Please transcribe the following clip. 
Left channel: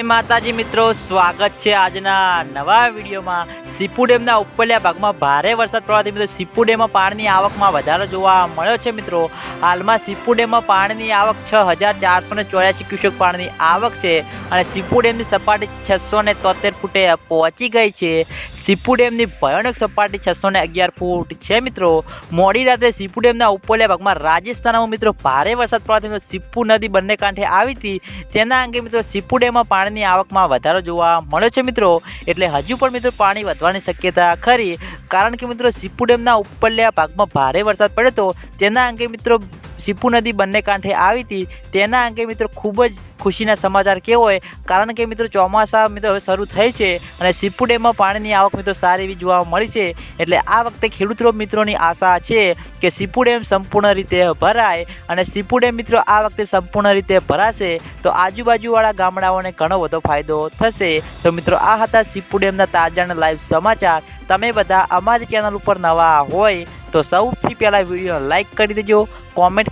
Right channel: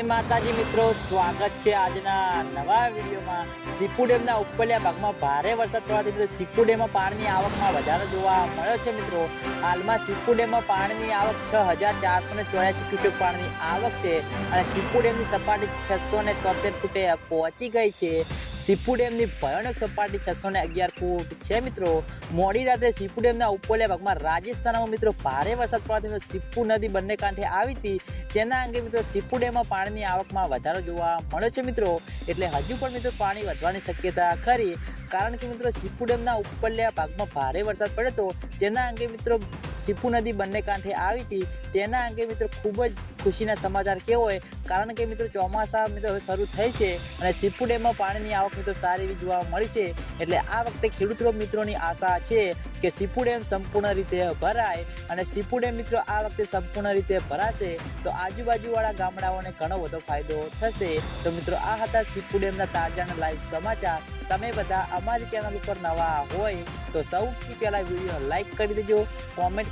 માતાજી મિત્રો, સ્વાગત છે આજના નવા વિડીયોમાં. સીપુ ડેમના ઉપરલ્યા ભાગમાં ભારે વરસાદ પડવાથી મિત્રો સીપુ ડેમમાં પાણીની આવકમાં વધારો જોવા મળ્યો છે મિત્રો. હાલમાં સીપુ ડેમમાં પાણીની આવક છ હજાર ચારસો ને ચોર્યાસી ક્યુસેક પાણીની આવક છે અને સીપુ ડેમની સપાટી છસો ને તોતેર ફૂટે પહોંચી ગઈ છે. સીપુ ડેમની ભયાનક સપાટી છસો ને અગિયાર ફૂટ છે મિત્રો. મોડી રાત્રે સીપુ ડેમના ઉપરલ્યા ભાગમાં રાજસ્થાનમાં મિત્રો ભારે વરસાદ પડવાથી સીપુ નદી બંને કાંઠે આવી હતી. તેના અંગે મિત્રો સીપુ ડેમમાં પાણીની આવકમાં વધારો જોવા મળ્યો છે મિત્રો. એટલે હજુ પણ મિત્રો પાણી વધવાની શક્યતા ખરી. કારણ કે મિત્રો, સીપુ ડેમના ઉપરલ્યા ભાગમાં ભારે વરસાદ પડ્યો હતો. તેના અંગે મિત્રો સીપુ નદી બંને કાંઠે આવી હતી. તેના અંગે મિત્રો ખૂબ જ ખુશીના સમાચાર કહેવાય કારણ કે મિત્રો ચોમાસા મિત્રો હવે શરૂ થઈ છે અને સીપુ ડેમમાં પાણીની આવક મિત્રો સારી એવી જોવા મળી છે. એટલે આ વખતે ખેડૂતો મિત્રોની આશા છે કે સીપુ ડેમ સંપૂર્ણ રીતે ભરાય અને સિપુ ડેમ મિત્રો આ વખતે સંપૂર્ણ રીતે ભરાશે, તો આજુબાજુવાળા ગામડાઓને ઘણો બધો ફાયદો થશે. તો મિત્રો આ હતા સિપુ ડેમના તાજાના લાઈવ સમાચાર. તમે બધા અમારી ચેનલ ઉપર નવા હોય તો સૌથી પહેલાં વીડિયો લાઈક કરી દેજો, કોમેન્ટ